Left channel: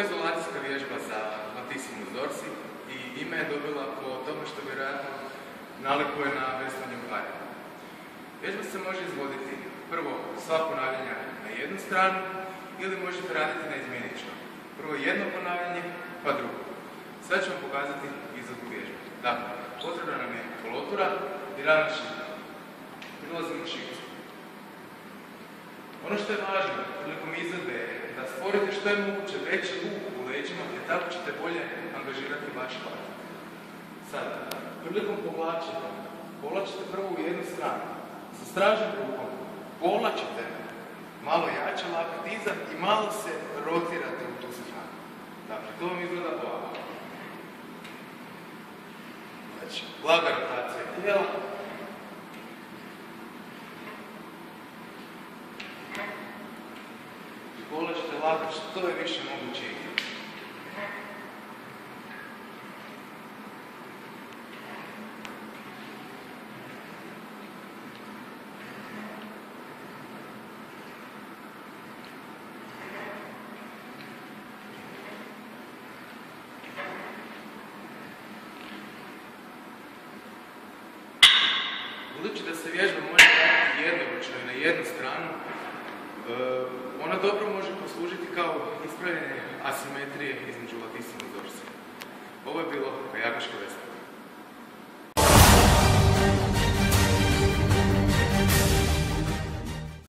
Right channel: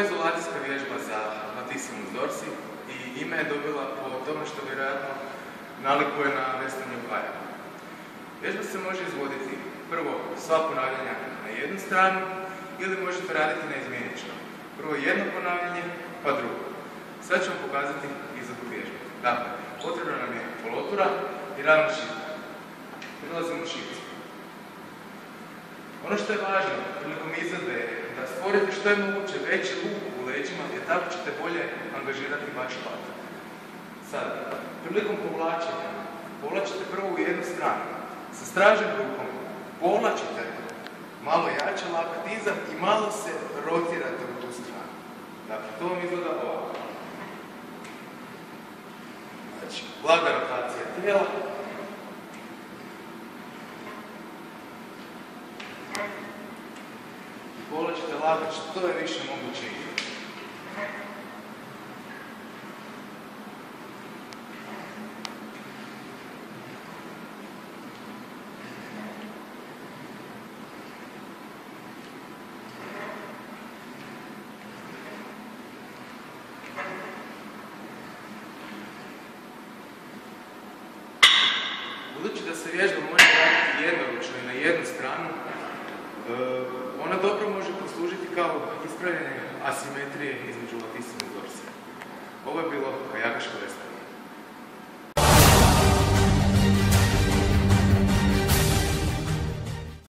je izolacijska vježba za latissimus dorsi i ime je dobila po tome što vjerojatno nalikuje na veslanje u parima. Vježba se može izvoditi prvo sva ponavljanja na jednu stranu ili možete raditi na izmjenično. Prvo jedno ponavljanje, pa drugo. Sad ću vam pokazati izvedbu vježbe. Dakle, potrebna nam je polotura i ravna šipa. Prilazimo u šipicu. Ono što je važno prilikom izvedbe je da stvorite što je moguće veći luk u leđima, jer tako ćete bolje angažirati vaš lat. Sad, prilikom povlačenja, povlačite prvo u jednu stranu. Sa stražnjom rukom povlačite malo jače lakat iza i malo se rotirate u tu stranu. Dakle, to vam izgleda ovako. Znači, blaga rotacija tijela. I povlačite lakat što je više moguće iza. Budući da se vježba može raditi jednoručno i na jednu stranu, ona dobro može poslužiti kao ispravljanje asimetrije između latissimus dorsi. Ovo je bilo kajakaško veslanje.